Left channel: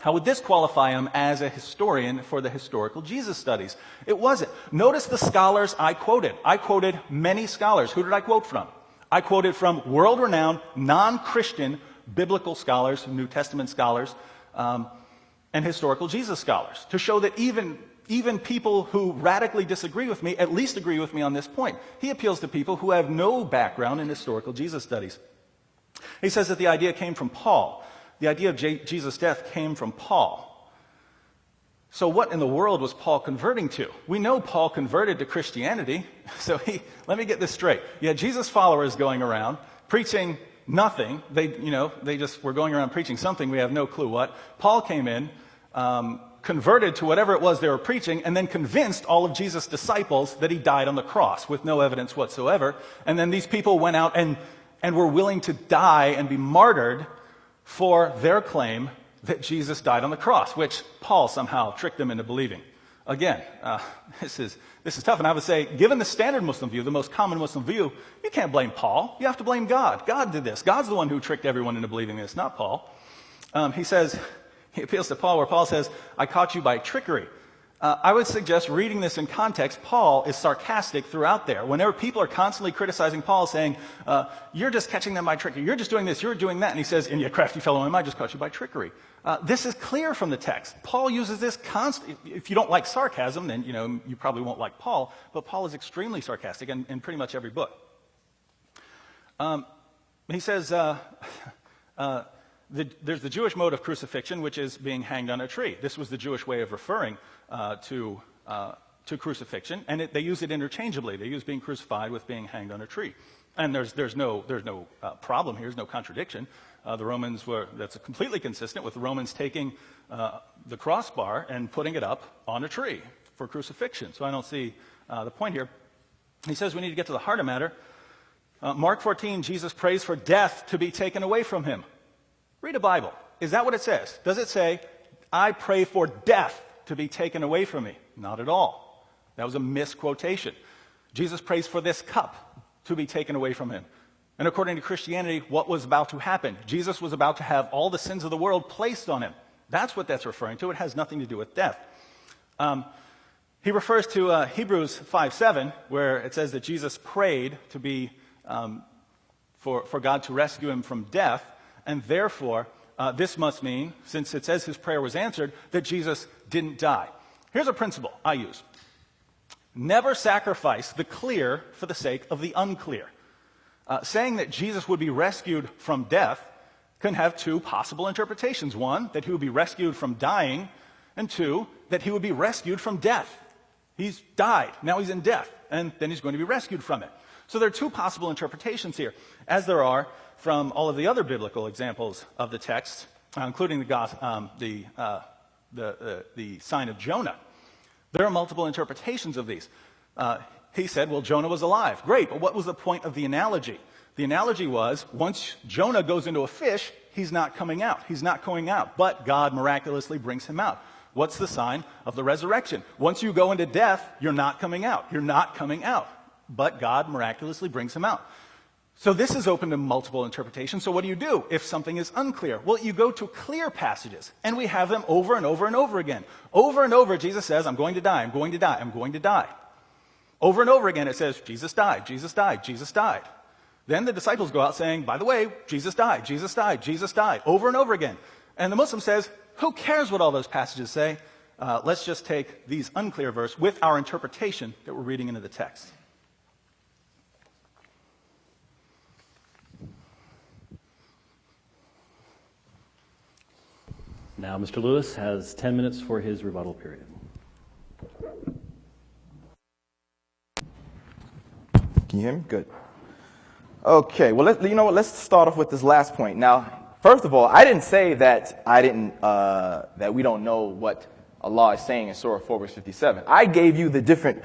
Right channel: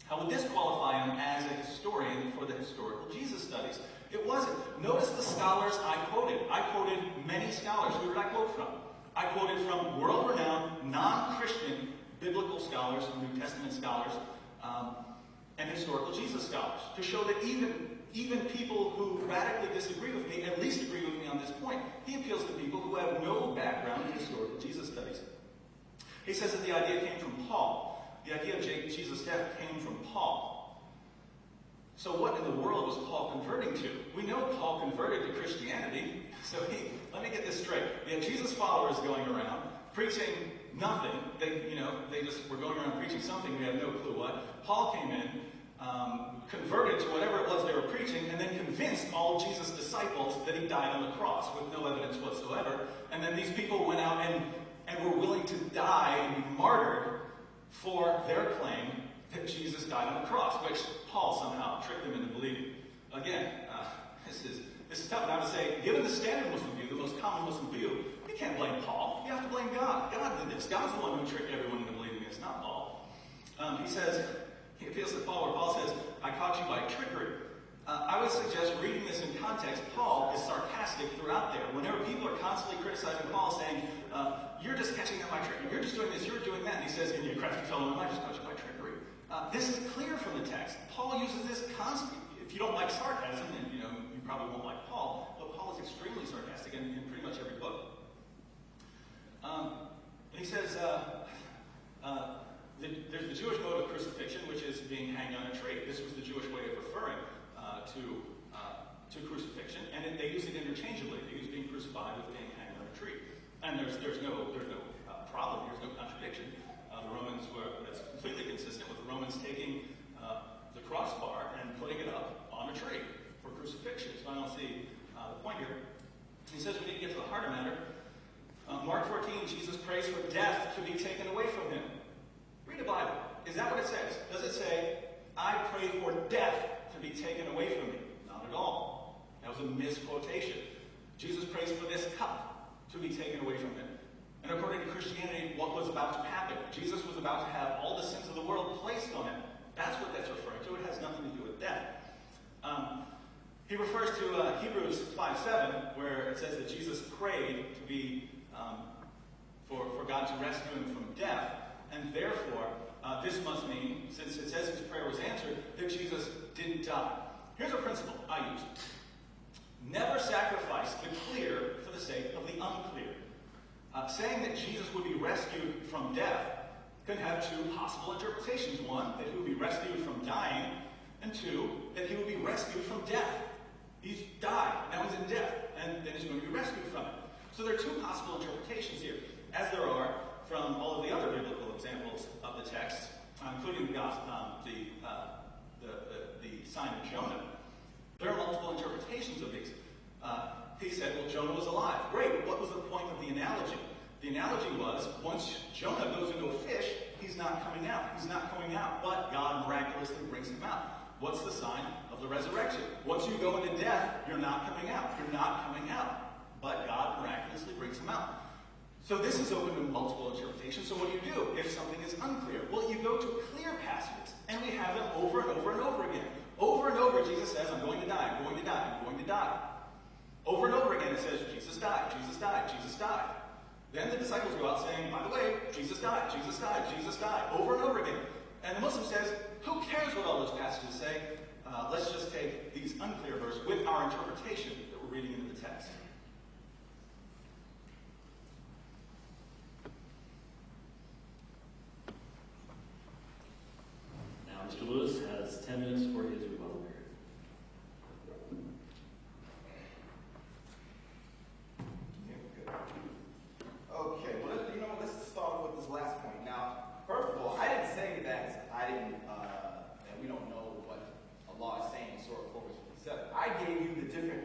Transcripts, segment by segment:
How would this qualify him as a historian for the historical Jesus studies? It wasn't. Notice the scholars I quoted. I quoted many scholars. Who did I quote from? I quoted from world-renowned, non-Christian biblical scholars, New Testament scholars, and historical Jesus scholars, to show that even people who radically disagree with me at least agree with me on this point. He appeals to people who have no background in historical Jesus studies. He says that the idea came from Paul. The idea of Jesus' death came from Paul. So what in the world was Paul converting to? We know Paul converted to Christianity. So let me get this straight. You had Jesus followers going around preaching nothing. They just were going around preaching something. We have no clue what. Paul came in, converted to whatever it was they were preaching, and then convinced all of Jesus' disciples that he died on the cross with no evidence whatsoever. And then these people went out and were willing to die and be martyred for their claim that Jesus died on the cross, which Paul somehow tricked them into believing. Again, this is tough, and I would say, given the standard Muslim view, the most common Muslim view, you can't blame Paul. You have to blame God. God did this. God's the one who tricked everyone into believing this, not Paul. He appeals to Paul, where Paul says, I caught you by trickery. I would suggest reading this in context. Paul is sarcastic throughout there. Whenever people are constantly criticizing Paul, saying, you're just catching them by trickery, you're just doing this, you're doing that, and he says, and you crafty fellow, I just caught you by trickery. This is clear from the text. Paul uses this constantly. If you don't like sarcasm, then you probably won't like Paul, but Paul is extremely sarcastic in pretty much every book. He says, there's the Jewish mode of crucifixion, which is being hanged on a tree. This was the Jewish way of referring to crucifixion, and they use it interchangeably. They use being crucified with being hanged on a tree. And there's no problem here. There's no contradiction. The Romans that's completely consistent with the Romans taking the crossbar and putting it up on a tree for crucifixion. So I don't see the point here. He says we need to get to the heart of matter. Mark 14, Jesus prays for death to be taken away from him. Read a Bible. Is that what it says? Does it say, I pray for death to be taken away from me? Not at all. That was a misquotation. Jesus prays for this cup to be taken away from him. And according to Christianity, what was about to happen? Jesus was about to have all the sins of the world placed on him. That's what that's referring to. It has nothing to do with death. He refers to Hebrews 5:7, where it says that Jesus prayed to be for God to rescue him from death, and therefore this must mean, since it says his prayer was answered, that Jesus didn't die. Here's a principle I use. Never sacrifice the clear for the sake of the unclear. Saying that Jesus would be rescued from death can have two possible interpretations. One, that he would be rescued from dying, and two, that he would be rescued from death. He's died, now he's in death, and then he's going to be rescued from it. So there are two possible interpretations here, as there are from all of the other biblical examples of the text, including the sign of Jonah. There are multiple interpretations of these. He said, well, Jonah was alive. Great, but what was the point of the analogy? The analogy was, once Jonah goes into a fish, he's not coming out. He's not going out, but God miraculously brings him out. What's the sign of the resurrection? Once you go into death, you're not coming out. You're not coming out, but God miraculously brings him out. So this is open to multiple interpretations. So what do? If something is unclear? Well, you go to clear passages, and we have them over and over and over again. Over and over, Jesus says, I'm going to die, I'm going to die, I'm going to die. Over and over again, it says, Jesus died, Jesus died, Jesus died. Then the disciples go out saying, by the way, Jesus died, Jesus died, Jesus died, over and over again. And the Muslim says, who cares what all those passages say? Let's just take these unclear verses with our interpretation that we're reading into the text. Now, Mr. Lewis has 10 minutes for his rebuttal period. Can you hear me? Good. Okay, well, let's start off with this last point. Now, first of all, I didn't say that that we don't know what Allah is saying in Surah 4, verse 57. I gave you the different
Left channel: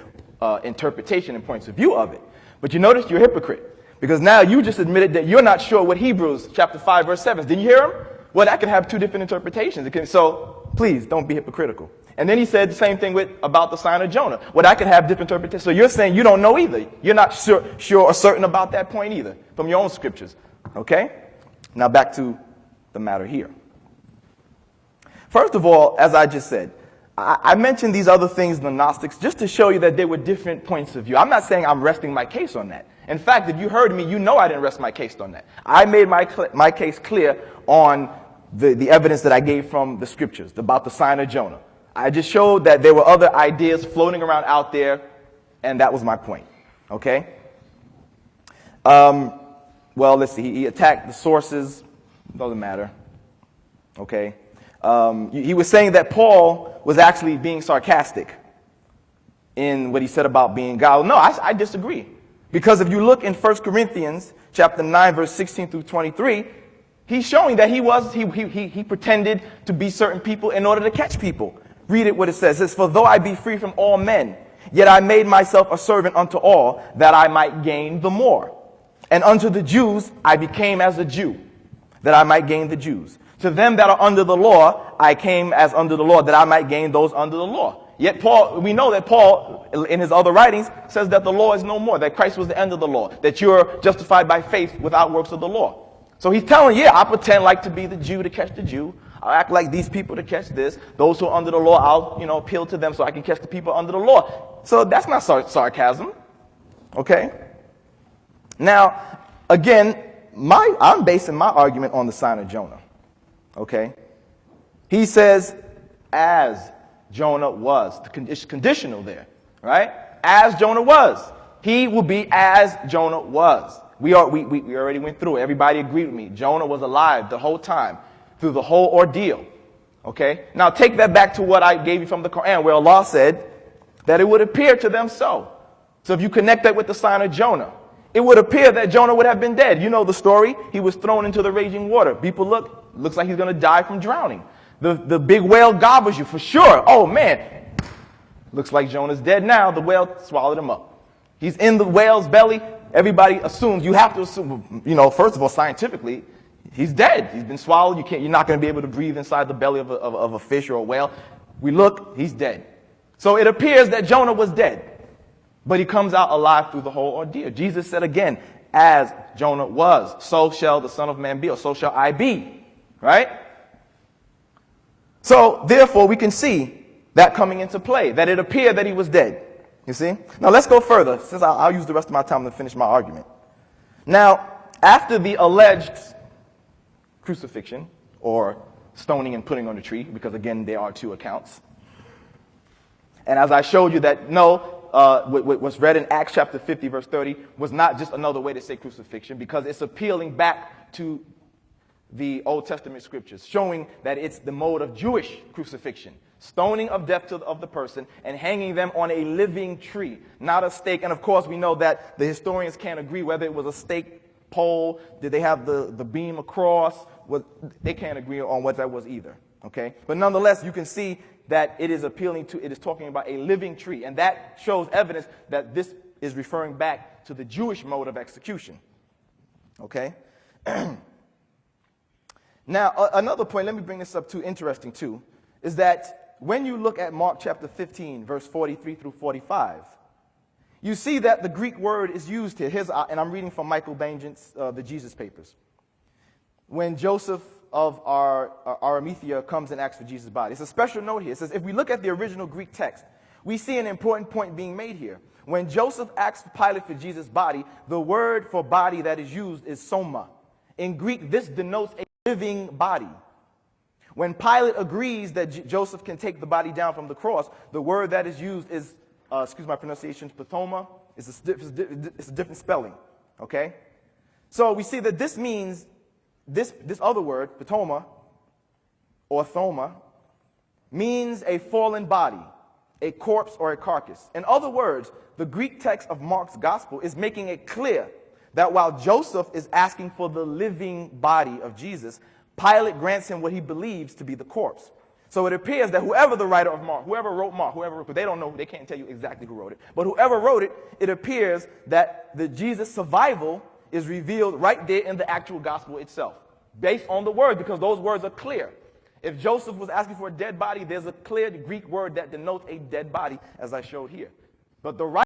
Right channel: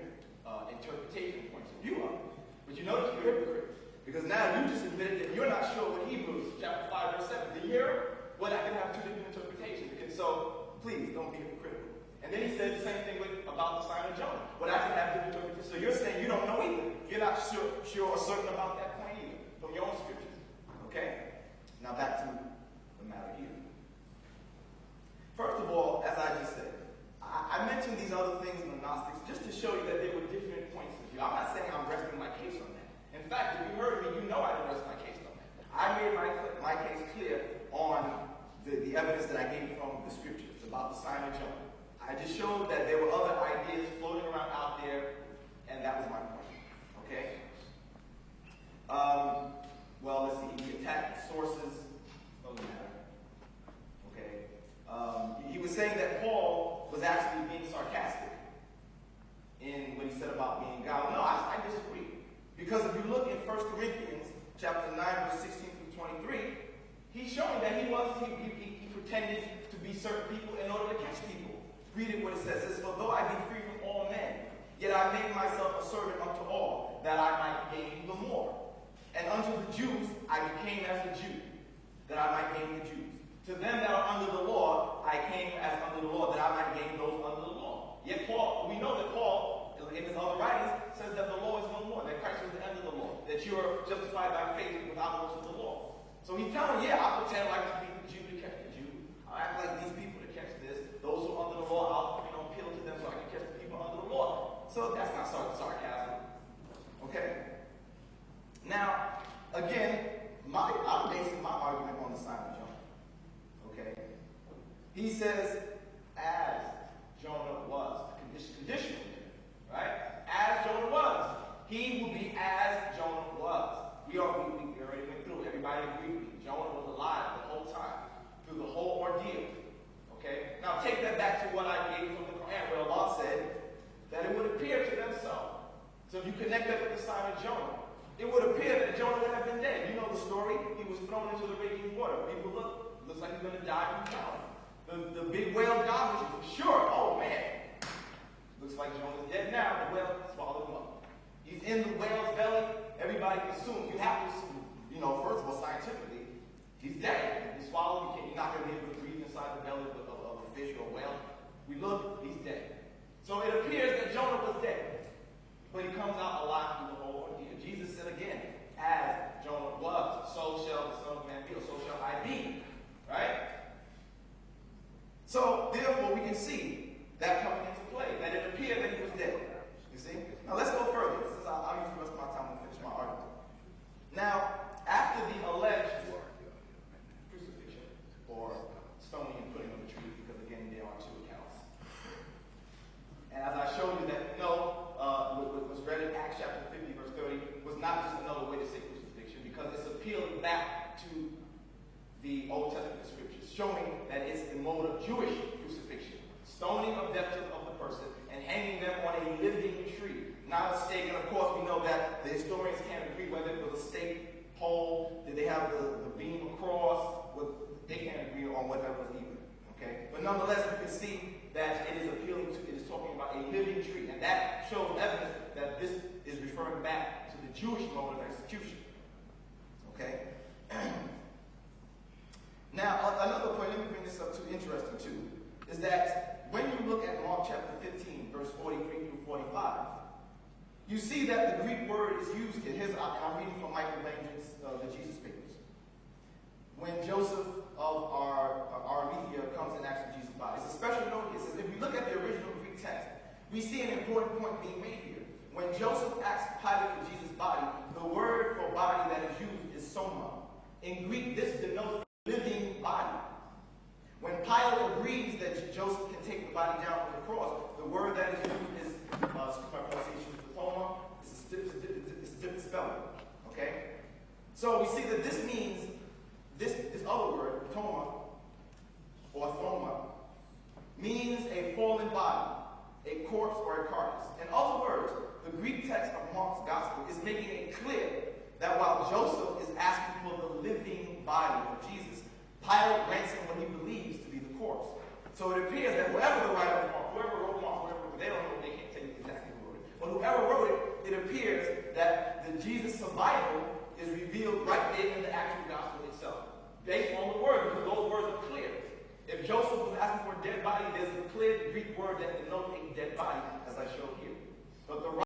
interpretation and points of view of it. But you notice you're a hypocrite, because now you just admitted that you're not sure what Hebrews chapter 5, verse 7 is. Didn't you hear him? Well, that could have two different interpretations. So please don't be hypocritical. And then he said the same thing about the sign of Jonah. Well, that could have different interpretations. So you're saying you don't know either. You're not sure or certain about that point either from your own scriptures. Okay? Now back to the matter here. First of all, as I just said, I mentioned these other things in the Gnostics just to show you that there were different points of view. I'm not saying I'm resting my case on that. In fact, if you heard me, you know I didn't rest my case on that. I made my case clear on the evidence that I gave from the scriptures about the sign of Jonah. I just showed that there were other ideas floating around out there, and that was my point. Okay? Well, let's see. He attacked the sources. Doesn't matter. Okay? He was saying that Paul was actually being sarcastic in what he said about being God. No, I disagree. Because if you look in 1 Corinthians chapter 9, verse 16 through 23, he's showing that he pretended to be certain people in order to catch people. Read it what it says. It says, "For though I be free from all men, yet I made myself a servant unto all, that I might gain the more. And unto the Jews I became as a Jew, that I might gain the Jews. To them that are under the law, I came as under the law, that I might gain those under the law." Yet we know that Paul, in his other writings, says that the law is no more, that Christ was the end of the law, that you're justified by faith without works of the law. So he's telling, yeah, I pretend like to be the Jew to catch the Jew. I'll act like these people to catch this. Those who are under the law, I'll appeal to them so I can catch the people under the law. So that's not sarcasm. Okay? Now, again, I'm basing my argument on the sign of Jonah. Okay? He says, as Jonah was. It's conditional there, right? As Jonah was. He will be as Jonah was. We already went through it. Everybody agreed with me. Jonah was alive the whole time, through the whole ordeal. Okay? Now take that back to what I gave you from the Quran, where Allah said that it would appear to them so. So if you connect that with the sign of Jonah, it would appear that Jonah would have been dead. You know the story. He was thrown into the raging water. People looks like he's going to die from drowning. The big whale gobbles you for sure. Oh, man. Looks like Jonah's dead now. The whale swallowed him up. He's in the whale's belly. Everybody assumes, you have to assume, first of all, scientifically, he's dead. He's been swallowed. You're not going to be able to breathe inside the belly of a fish or a whale. We look, he's dead. So it appears that Jonah was dead. But he comes out alive through the whole ordeal. Jesus said again, as Jonah was, so shall the Son of Man be, or so shall I be. Right? So, therefore, we can see that coming into play, that it appeared that he was dead. You see? Now, let's go further, since I'll use the rest of my time to finish my argument. Now, after the alleged crucifixion, or stoning and putting on the tree, because, again, there are two accounts. And as I showed you that, what was read in Acts chapter 50, verse 30, was not just another way to say crucifixion, because it's appealing back to the Old Testament scriptures, showing that it's the mode of Jewish crucifixion, stoning of death of the person and hanging them on a living tree, not a stake. And of course, we know that the historians can't agree whether it was a stake pole, did they have the beam across, they can't agree on what that was either. Okay, but nonetheless, you can see that it is talking about a living tree, and that shows evidence that this is referring back to the Jewish mode of execution. Okay. Now, another point, let me bring this up too, interesting too, is that when you look at Mark chapter 15, verse 43 through 45, you see that the Greek word is used here. And I'm reading from Michael Benjamin's The Jesus Papers. When Joseph of Arimathea comes and asks for Jesus' body. It's a special note here. It says, if we look at the original Greek text, we see an important point being made here. When Joseph asks Pilate for Jesus' body, the word for body that is used is soma. In Greek, this denotes a living body. When Pilate agrees that Joseph can take the body down from the cross, the word that is used is, excuse my pronunciation, patoma. It's a different spelling, okay? So we see that this means, this other word, patoma, or thoma, means a fallen body, a corpse or a carcass. In other words, the Greek text of Mark's gospel is making it clear that while Joseph is asking for the living body of Jesus, Pilate grants him what he believes to be the corpse. So it appears that whoever the writer of Mark, whoever wrote Mark, they don't know, they can't tell you exactly who wrote it, but whoever wrote it, it appears that the Jesus survival is revealed right there in the actual gospel itself, based on the word, because those words are clear. If Joseph was asking for a dead body, there's a clear Greek word that denotes a dead body, as I showed here. But the